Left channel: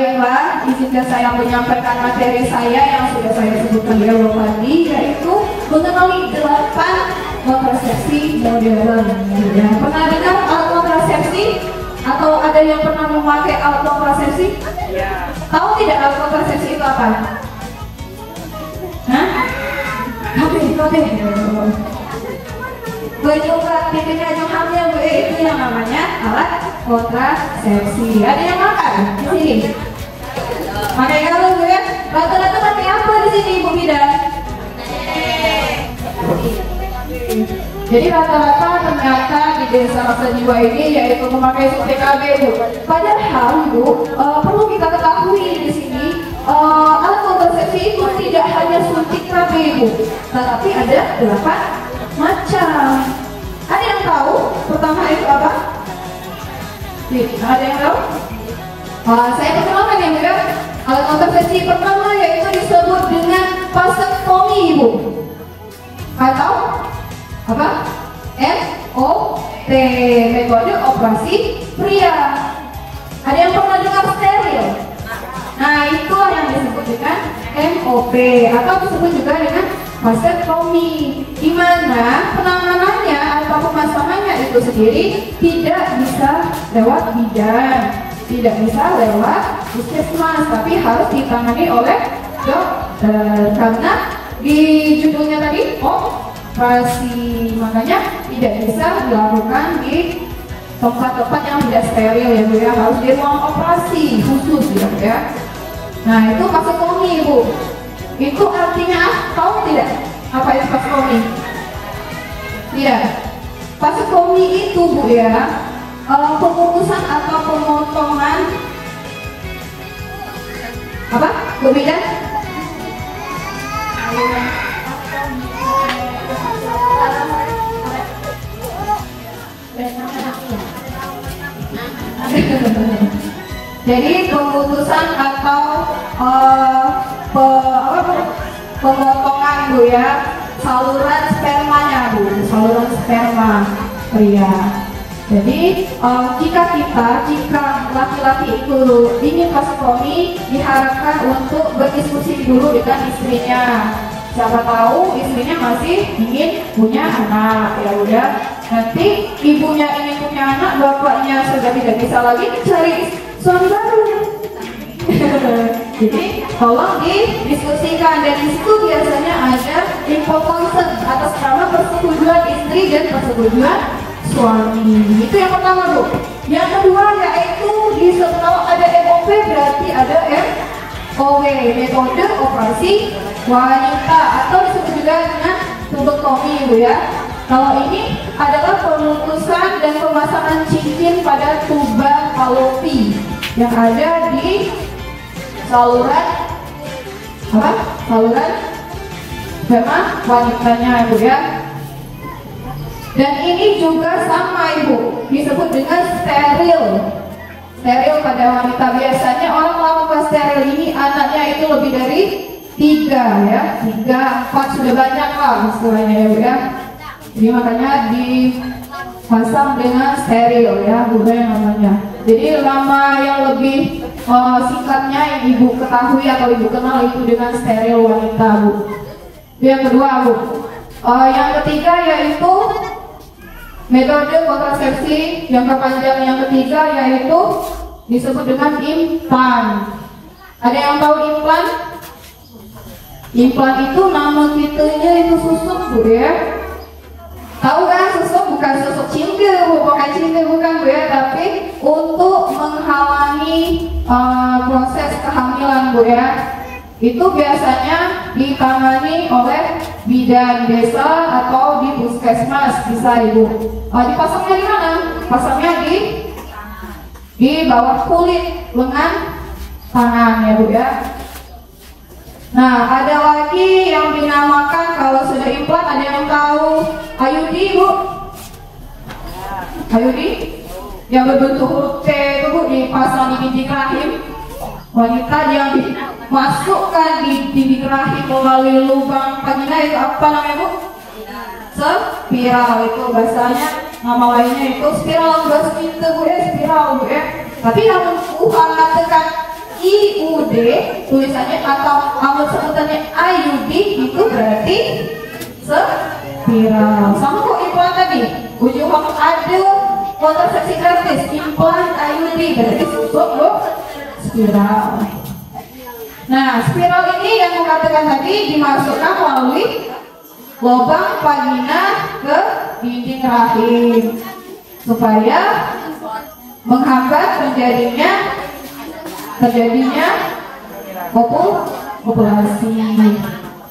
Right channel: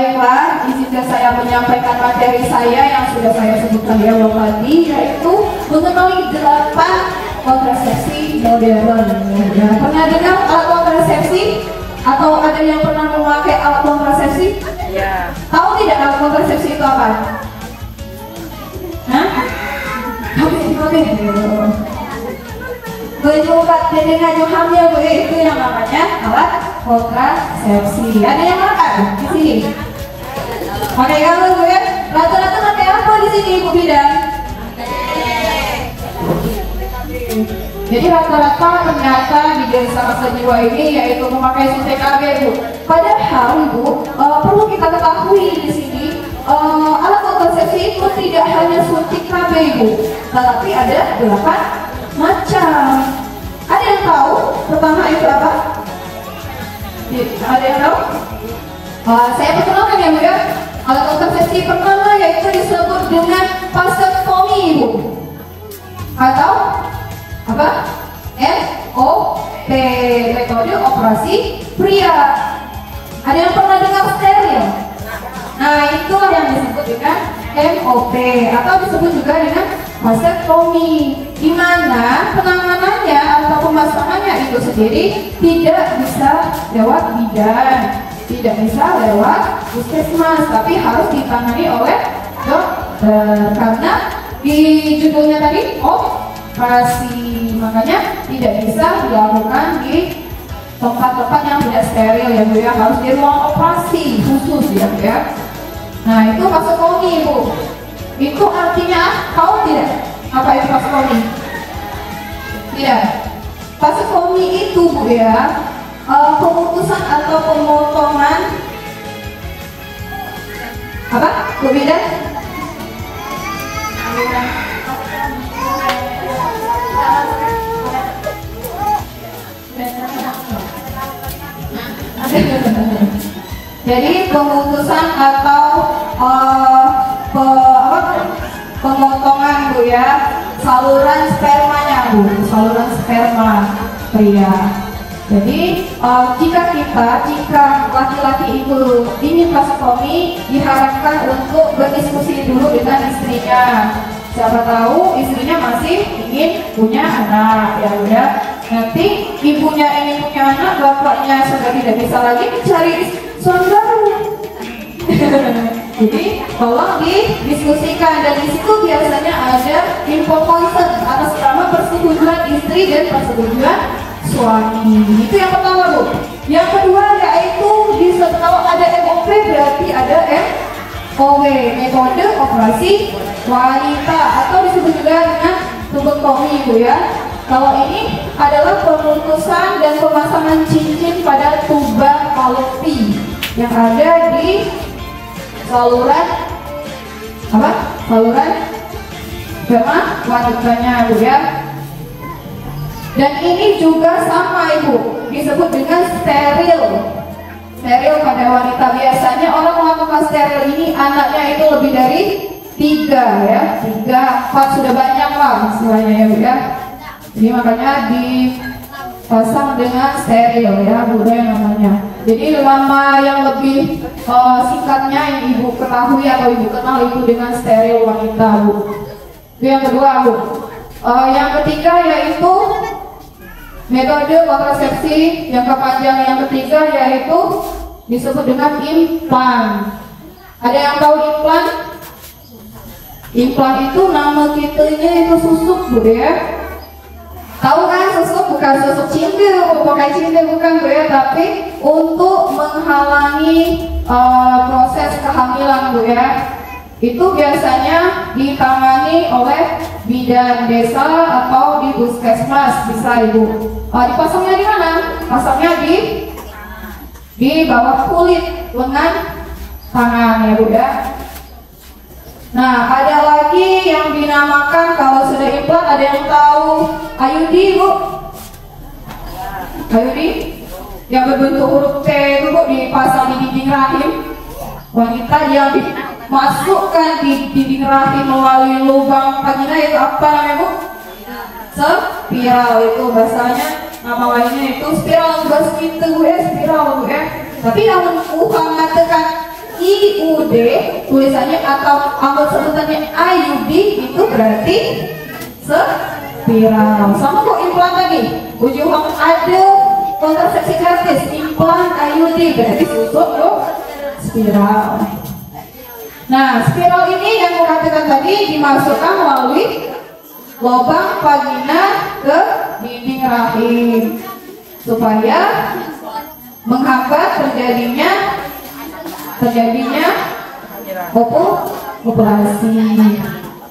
Baiklah, izinkan saya menyampaikan materi saya yang sudah saya sebutkan di awal tadi, yaitu mengenai 8 kontrasepsi modern. Ya, pernah dengar alat kontrasepsi? Atau ada yang pernah memakai alat kontrasepsi? Ya. Tahu tidak alat kontrasepsi itu apa? Hah? Kabeh. Penyukat ketika hamil, itu yang namanya alat kontrasepsi. Ada yang makan di sini? Pakai apa Bu ya? Rata-rata pakai apa di sini Bu Bidan? Jadi rata-rata ternyata di desa Rasa Jiwa ini yaitu memakai suntik KB Bu. Padahal Bu, perlu kita ketahui di sini alat kontrasepsi itu tidak hanya suntik KB Bu, tetapi ada berapa macam. Ada yang tahu pertama itu apa? Ada yang tahu? Saya perkenalkan ya Bu ya. Alat kontrasepsi pertama yaitu disebut dengan vasektomi Bu, atau apa? MOP, metode operasi pria. Ada yang pernah dengar steril? Nah, itulah yang disebut dengan MOP atau disebut juga dengan vasektomi, di mana penanganannya atau pemasangannya itu sendiri tidak bisa lewat bidan, tidak bisa lewat puskesmas, tapi harus ditangani oleh dokter karena di judulnya tadi operasi, makanya tidak bisa dilakukan di tempat-tempat yang tidak steril ya Bu ya, harus di ruang operasi khusus ya Bu ya. Nah, itu vasektomi Bu. Itu artinya tahu tidak apa itu vasektomi? Tidak. Vasektomi itu Bu ya, pemutusan atau pemotongan apa? Bu Bidan? Jadi pemutusan atau pemotongan Bu ya, saluran spermanya Bu, saluran sperma pria. Jadi jika laki-laki itu ingin vasektomi, diharapkan untuk berdiskusi dulu dengan istrinya. Siapa tahu istrinya masih ingin punya anak ya udah. Nanti ibunya ingin punya anak, bapaknya sudah tidak bisa lagi mencari suami baru. Jadi tolong didiskusikan, dan di situ biasanya ada info consent atas nama persetujuan istri dan persetujuan suami. Itu yang pertama Bu. Yang kedua yaitu disebut kalau ada MOP berarti ada MOW, metode operasi wanita atau disebut juga dengan tubektomi Bu ya. Kalau ini adalah pemutusan dan pemasangan cincin pada tuba falopi yang ada di saluran apa? Saluran sperma wanitanya Bu ya. Dan ini juga sama Ibu, disebut dengan steril. Steril pada wanita. Biasanya orang melakukan steril ini anaknya itu lebih dari 3 ya, 3, 4 sudah banyak lah istilahnya ya Bu ya. Jadi makanya dipasang dengan steril ya Bu ya namanya. Jadi nama yang lebih singkatnya yang Ibu ketahui atau Ibu kenal itu dengan steril wanita Bu. Itu yang kedua Bu. Yang ketiga yaitu metode kontrasepsi yang kepanjang yang ketiga yaitu disebut dengan implan. Ada yang tahu implan? Implan itu nama titelnya itu susuk Bu ya. Tahu kan susuk? Bukan susuk cinta Bu, bukan cinta bukan Bu ya, tapi untuk menghalangi proses kehamilan Bu ya. Itu biasanya ditangani oleh bidan desa atau di puskesmas bisa Ibu. Dipasangnya di mana? Pasangnya di bawah kulit lengan tangan ya Bu ya. Nah, ada lagi yang dinamakan kalau sudah implan, ada yang tahu IUD Bu? IUD yang berbentuk huruf T itu Bu, dipasang di dinding rahim wanita, yang dimasukkan di dinding rahim melalui lubang vagina, itu apa namanya Bu? Spiral, itu bahasanya nama lainnya itu spiral, bahasa itu Bu ya, spiral Bu ya. Tapi yang Tuhan mengatakan I IUD tulisannya atau sebutannya IUD itu berarti spiral. Sama kok implan tadi, ujung ada kontrasepsi gratis, implan IUD berarti susuk loh spiral. Nah, spiral ini yang katakan tadi dimasukkan melalui lubang vagina ke dinding rahim supaya menghambat terjadinya populasi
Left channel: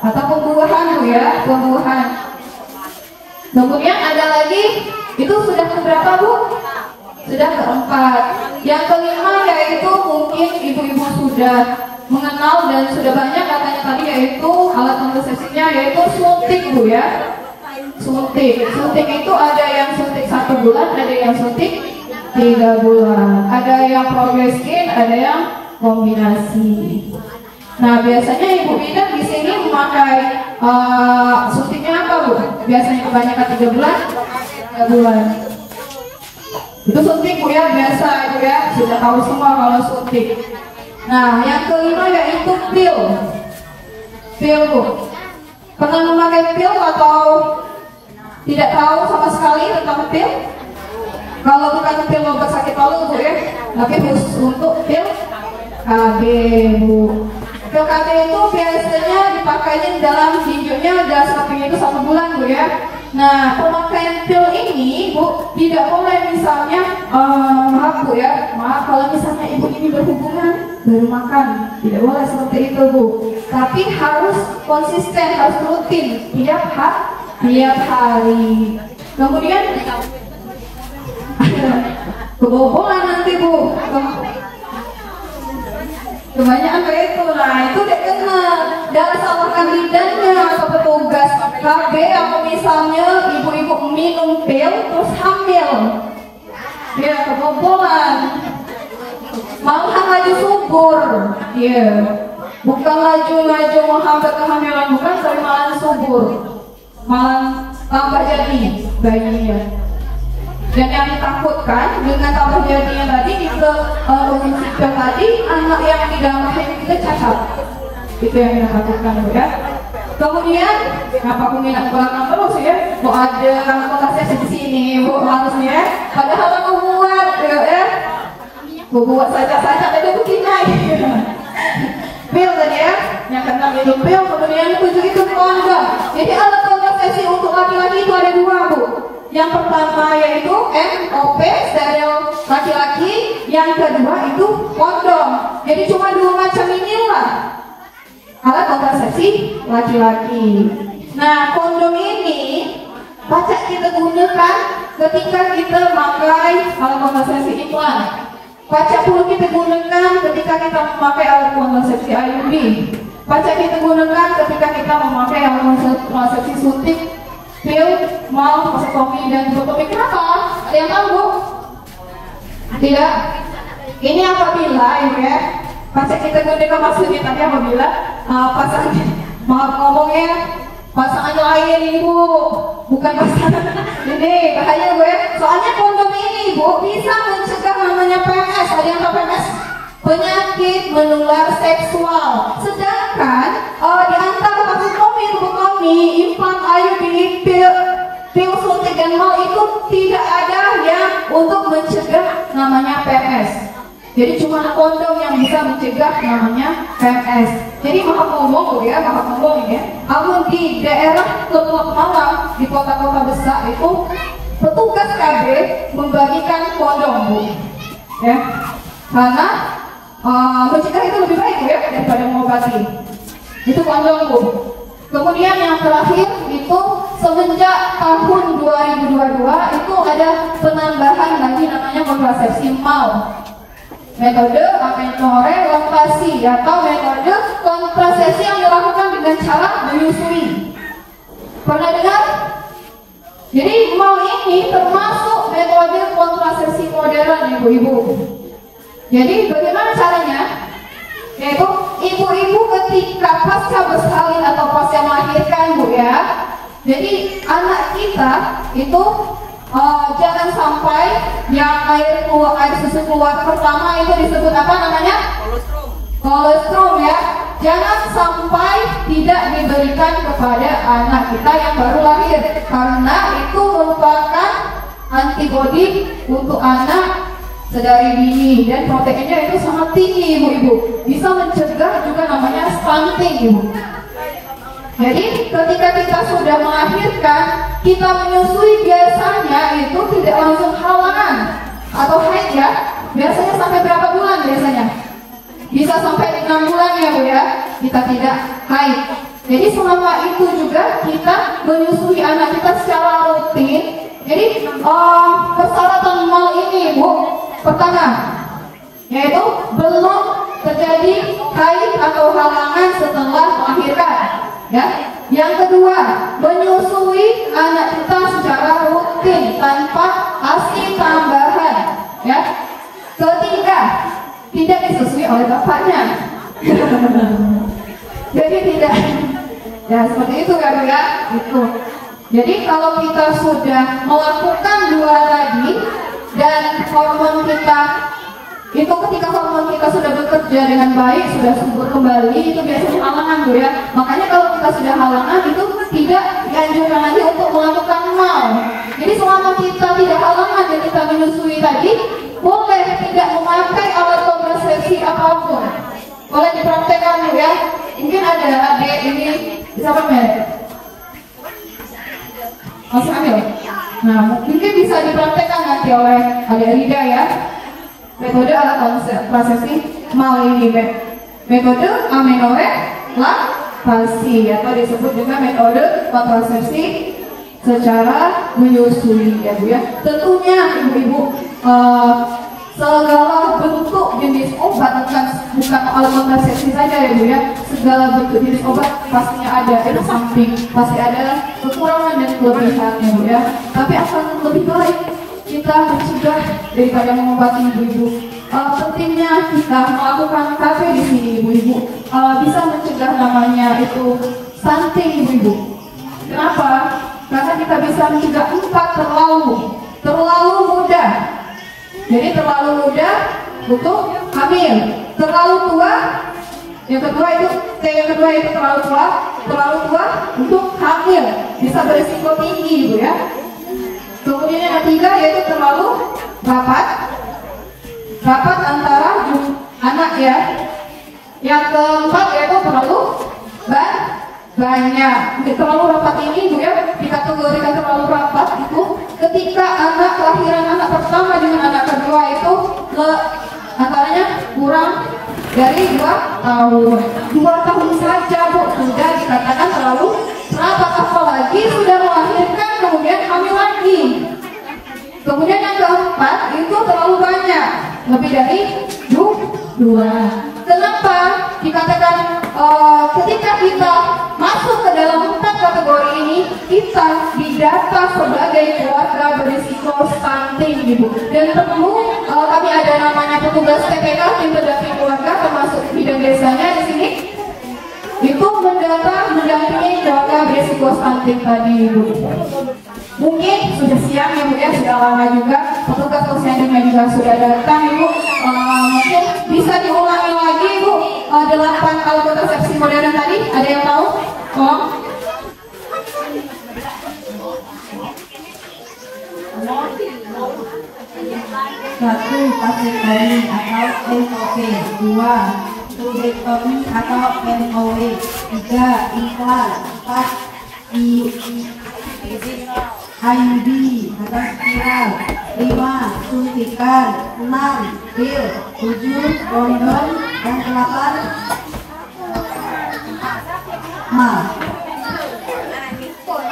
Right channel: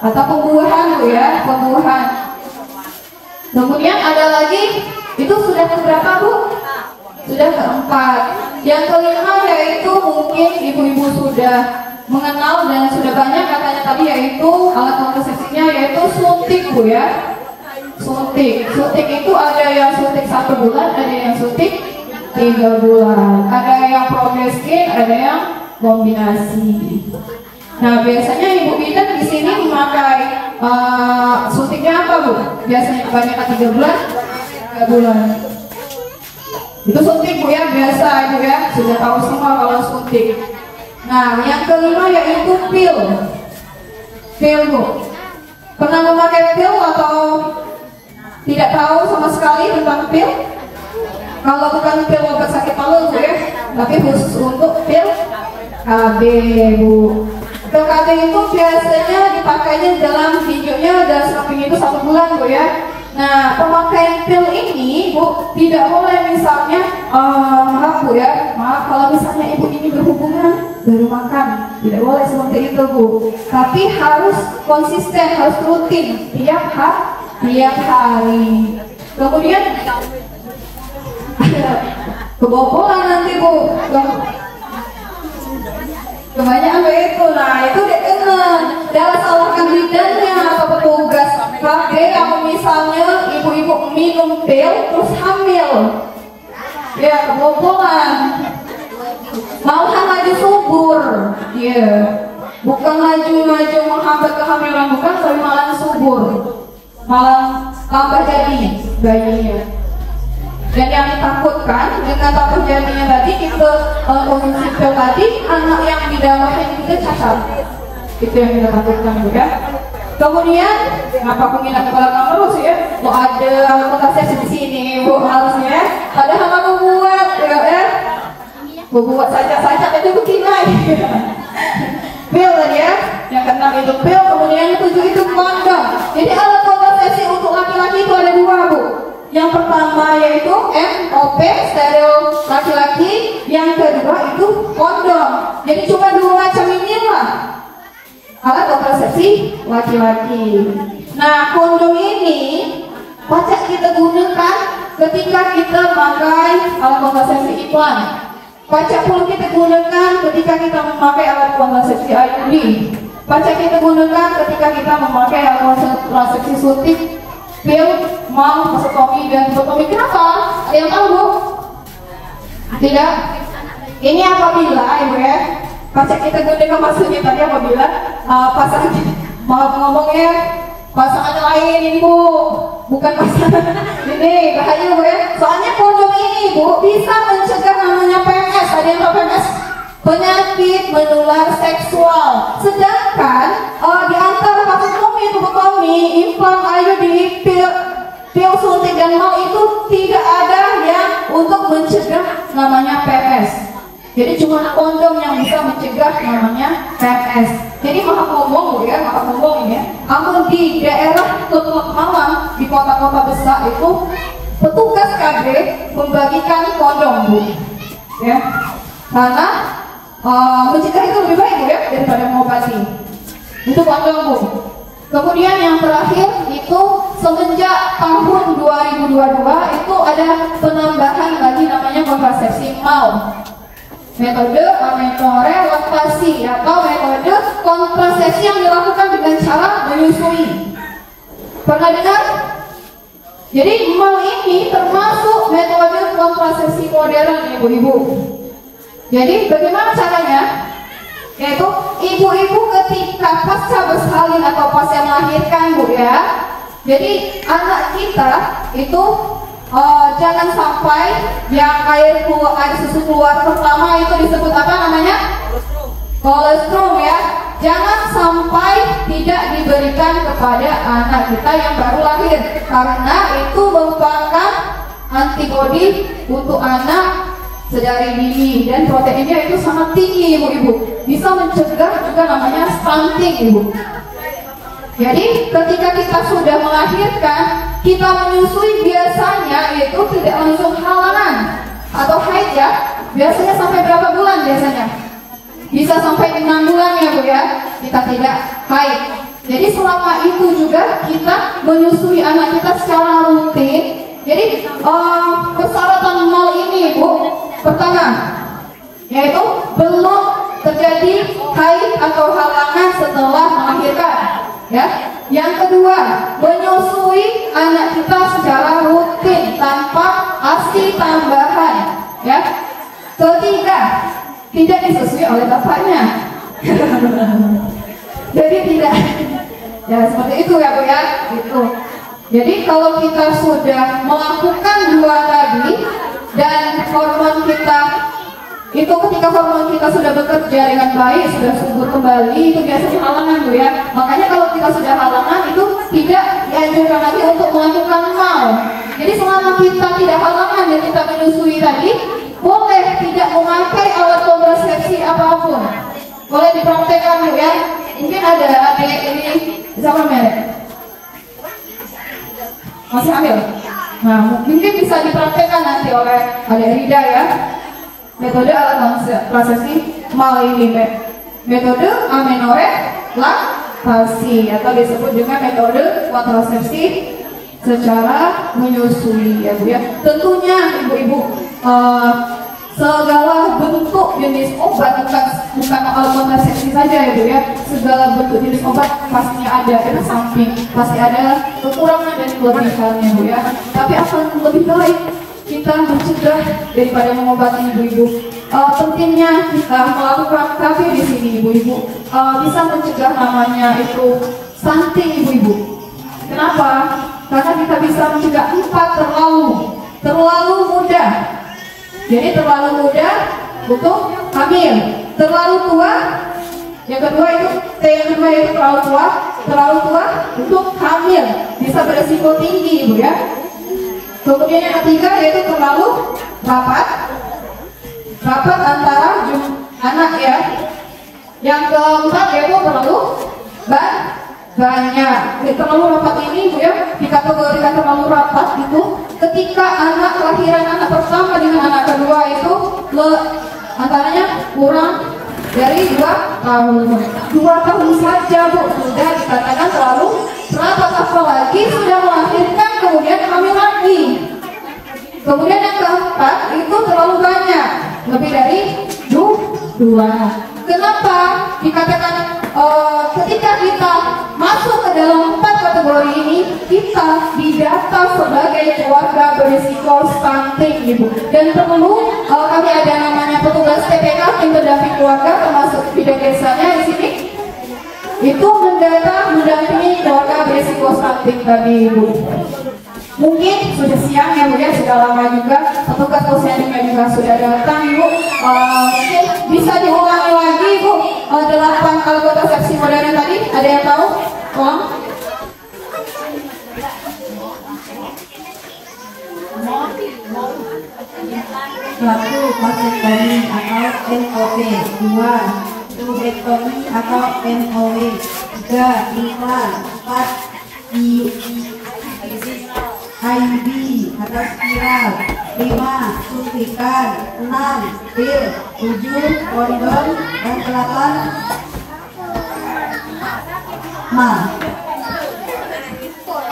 atau pembuahan ya, pembuahan. Kemudian ada lagi, itu sudah keberapa Bu? Sudah keempat. Yang kelima yaitu mungkin ibu-ibu sudah mengenal dan sudah banyak katanya tadi, yaitu alat kontrasepsinya yaitu suntik Bu ya. Suntik itu ada yang suntik 1 bulan, ada yang suntik 3 bulan, ada yang progreskin, ada yang kombinasi. Nah biasanya ibu bidan di sini memakai suntiknya apa Bu? Biasanya kebanyakan 3 bulan, 3 bulan. Itu suntik Bu ya, biasa itu ya, sudah tahu semua kalau suntik. Nah yang kelima yaitu pil Bu. Pernah memakai pil atau tidak tahu sama sekali tentang pil? Kalau bukan pil obat sakit palu ya, tapi khusus untuk pil KB Bu. Pil KB itu biasanya dipakainya dalam videonya udah samping itu 1 bulan Bu ya. Nah pemakaian pil ini Bu tidak boleh misalnya maaf Bu ya, maaf kalau misalnya ibu ini berhubungan baru makan, tidak boleh seperti itu Bu. Tapi harus konsisten, harus rutin tiap hari. Kemudian kebobolan nanti Bu, kebanyakan kayak itu. Nah itu dia kena, jangan salahkan bidannya atau petugas KB kalau misalnya ibu-ibu minum pil terus hamil ya, kebobolan, malah laju subur ya, bukan laju menghambat kehamilan, bukan, tapi malah subur, malah tambah jadi bayinya. Dan yang ditakutkan dengan tambah jadinya tadi itu kondisi pil tadi, anak yang di dalam rahim itu cacat. Itu yang kita takutkan ya. Kemudian apa aku minat ke belakang terus ya? Mau ada alat kontrasepsi di sini Bu harusnya. Padahal aku buat ya. Buat saja itu begini. Pil kan ya? Yang keenam itu pil, kemudian yang ketujuh itu kondom. Jadi alat kontrasepsi untuk laki-laki itu ada 2 Bu. Yang pertama yaitu MOP, steril laki-laki. Yang kedua itu kondom. Jadi cuma 2 macam inilah alat kontrasepsi laki-laki. Nah kondom ini pacak kita gunakan ketika kita memakai alat kontrasepsi implan. Pacak pula kita gunakan ketika kita memakai alat kontrasepsi IUD. Pacak kita gunakan ketika kita memakai alat kontrasepsi suntik, pil, mal, vasektomi dan tubotomi. Kenapa? Ada yang tahu Bu? Tidak? Ini apabila ya, pacak kita gunakan maksudnya tadi apabila pasangan, maaf ngomongnya, pasangan lain Bu, bukan pasangan ini bahaya Bu ya. Soalnya kondom ini Bu bisa mencegah namanya PMS. Ada yang tahu PMS? Penyakit menular seksual. Sedangkan di antara vasektomi, tubotomi, implan IUD, pil suntik dan mal itu tidak ada yang untuk mencegah namanya PMS. Jadi cuma kondom yang bisa mencegah namanya PMS. Jadi maaf ngomong ya, maaf ngomong ya. Namun di daerah Teluk Malang, di kota-kota besar itu petugas KB membagikan kondom Bu, ya, karena mencegah itu lebih baik Bu ya daripada mengobati. Itu kondom Bu. Kemudian yang terakhir itu semenjak tahun 2022 itu ada penambahan lagi namanya kontrasepsi mal. Metode amenorrelasi atau metode kontrasepsi yang dilakukan dengan cara menyusui. Pernah dengar? Jadi mal ini termasuk metode kontrasepsi modern ibu-ibu. Jadi bagaimana caranya? Yaitu ibu-ibu ketika pasca bersalin atau pasca melahirkan Bu ya. Jadi anak kita itu jangan sampai yang air susu keluar pertama itu disebut apa namanya? kolostrum ya, jangan sampai tidak diberikan kepada anak kita yang baru lahir, karena itu merupakan antibodi untuk anak sedari dini dan proteinnya itu sangat tinggi ibu-ibu, bisa mencegah juga namanya stunting ibu. Jadi ketika kita sudah melahirkan, kita menyusui biasanya itu tidak langsung halangan atau haid ya, biasanya sampai berapa bulan biasanya? Bisa sampai 6 bulan ya Bu ya, kita tidak haid. Jadi selama itu juga kita menyusui anak kita secara rutin. Jadi persyaratan mal ini Bu, pertama yaitu belum terjadi haid atau halangan setelah melahirkan ya. Yang kedua, menyusui anak kita secara rutin tanpa ASI tambahan ya. Ketiga, tidak disusui oleh bapaknya. Jadi tidak, ya seperti itu ya Bu ya, gitu. Jadi kalau kita sudah melakukan 2 tadi dan hormon kita itu, ketika hormon kita sudah bekerja dengan baik, sudah subur kembali, itu biasanya halangan Bu ya. Makanya kalau kita sudah halangan itu tidak dianjurkan lagi untuk melakukan mal. Jadi selama kita tidak halangan dan kita menyusui tadi, boleh tidak memakai alat kontrasepsi apapun, boleh dipraktekkan Bu ya. Mungkin ada adik ini siapa merek? Masih hamil? Nah mungkin bisa dipraktekkan nanti oleh adik Rida ya. Metode alat kontrasepsi mal ini, metode amenorektasi atau disebut juga metode kontrasepsi secara menyusui ya Bu ya. Tentunya ibu-ibu segala bentuk jenis obat, bukan alat kontrasepsi saja ya Bu ya, segala bentuk jenis obat pastinya ada samping, pasti ada kekurangan dan kelebihannya Bu ya. Tapi akan lebih baik kita mencegah daripada mengobati ibu-ibu. Pentingnya kita melakukan KB di sini ibu-ibu, bisa mencegah namanya itu stunting ibu-ibu. Kenapa? Karena kita bisa mencegah 4 terlalu muda. Jadi terlalu muda untuk hamil, terlalu tua. Yang kedua itu terlalu tua untuk hamil, bisa beresiko tinggi ibu ya. Kemudian yang ketiga yaitu terlalu rapat antara anak ya. Yang keempat yaitu terlalu banyak. Terlalu rapat ini Bu ya, dikategorikan terlalu rapat itu ketika anak kelahiran anak pertama dengan anak kedua itu antaranya kurang dari 2 tahun. 2 tahun saja Bu sudah dikatakan terlalu rapat, apalagi sudah melahirkan kemudian hamil lagi. Kemudian yang keempat itu terlalu banyak, lebih dari 2. Kenapa dikatakan ketika kita masuk ke dalam 4 kategori ini, kita didata sebagai keluarga berisiko stunting ibu. Dan perlu kami ada namanya petugas TPK, tim pendamping keluarga, termasuk bidang desanya di sini. Itu mendampingi keluarga berisiko stunting tadi ibu. Mungkin sudah siang ya Bu ya, sudah lama juga petugas posyandu juga sudah datang ibu. Mungkin bisa diulangi lagi Bu 8 alat kontrasepsi modern tadi, ada yang tahu? Tolong. Satu, vasectomy atau NOV. 2, turectomy atau NOW. 3, implan. 4, IUD atau spiral. 5, suntikan. 6, pil. 7, kondom. Dan 8, mal.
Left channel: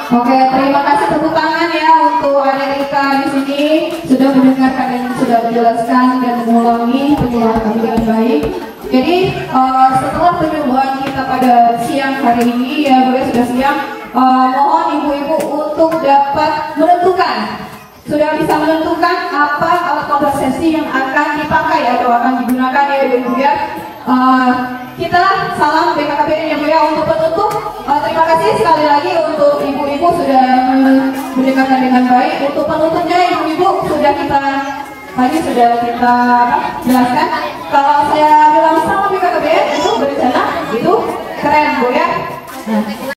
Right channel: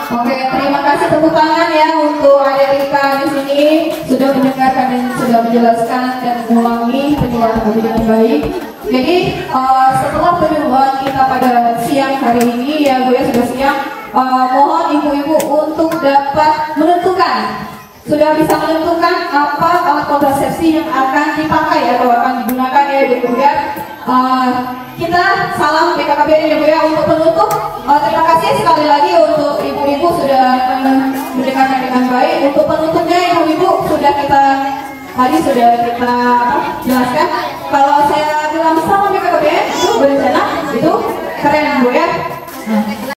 Oke, terima kasih tepuk tangan ya untuk adik Rika di sini sudah mendengarkan dan sudah menjelaskan dan mengulangi penjelasan kami dengan baik. Jadi setelah penyuluhan kita pada siang hari ini ya Bu ya, sudah siang, mohon ibu-ibu untuk dapat menentukan, sudah bisa menentukan apa alat kontrasepsi yang akan dipakai atau akan digunakan ya Bu ya. Kita salam BKKBN ya Bu ya untuk penutup. Terima kasih sekali lagi untuk ibu-ibu sudah mendengarkan dengan baik. Untuk penutupnya ibu-ibu sudah kita jelaskan. Kalau saya bilang salam BKKBN, keren Bu ya. Nah,